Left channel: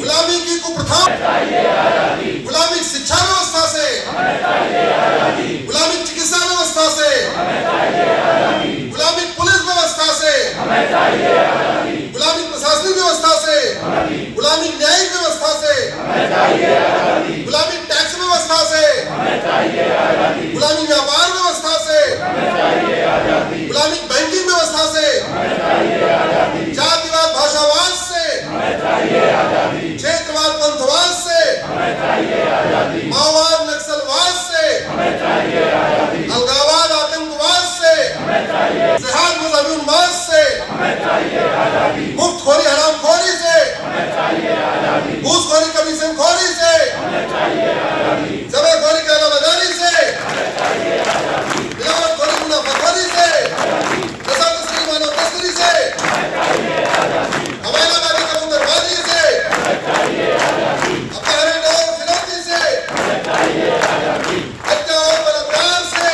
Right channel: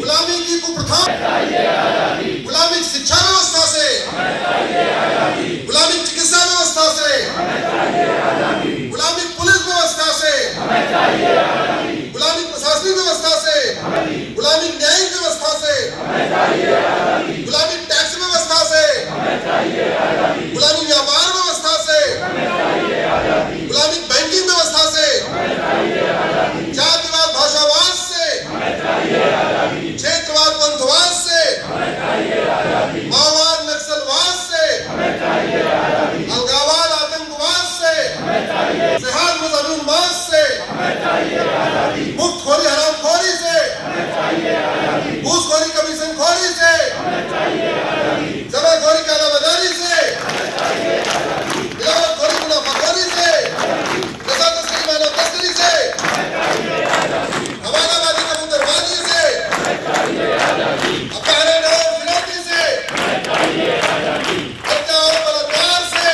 गुलामी की कुप्रथा, गुलामी शिक्षा व्यवस्था से, गुलामी चिकित्सा व्यवस्था से, गुलामी पुलिस व्यवस्था से, गुलामी प्रशासनिक व्यवस्था से, गुलामी न्यायिक व्यवस्था से, गुलामी टैक्स व्यवस्था से, गुलामी व्यापार व्यवस्था से, गुलामी बैंकिंग व्यवस्था से, जातिवाद भाषावाद से, क्षेत्रवाद पंथवाद से, माओवाद नक्सलवाद से, अलगावाद आतंकवाद से, जिहाद मुसलमान से, मुफ्तखोरी हरामखोरी से, घूसखोरी कमीशन खोरी से, जबरखोरी कालाबाजारी से, मिलावटखोरी मुनाफाखोरी से, नशा तस्करी मानव तस्करी से, हवालाबाजी कबूतरबाजी से, अपहरण और फिरौती से, हत्या और बलात्कार से,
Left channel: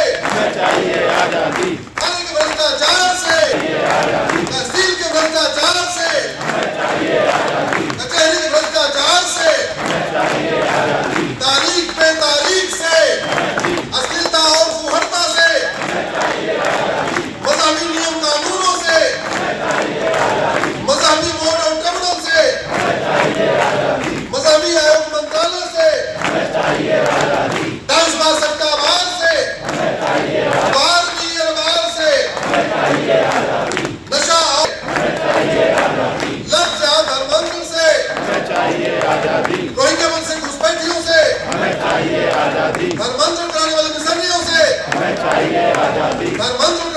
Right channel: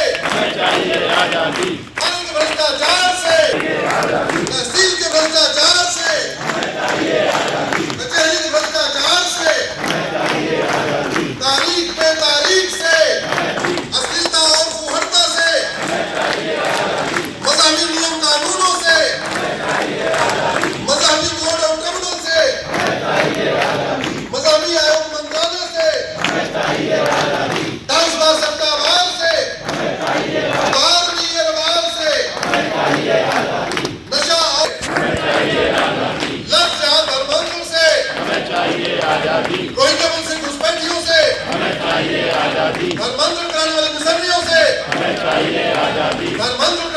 पानी के भ्रष्टाचार से, तहसील के भ्रष्टाचार से, कचहरी के भ्रष्टाचार से, तारीख पे तारीख से, अश्लीलता और फुहड़ता से, मजहबी नियम कानूनों से, मजहबी बोर्ड और ट्रिब्यूनल से, मजहबी आयोग मंत्रालय से, डांसबाज सट्टाबाज से, बार की अरबार से, नशा और लफ्ज़ धर्मांतर से, रोहिंग्या वंश से घुसपैठियों से, धर्मांतर कराने वाले मिशनरियों से, धर्मांतर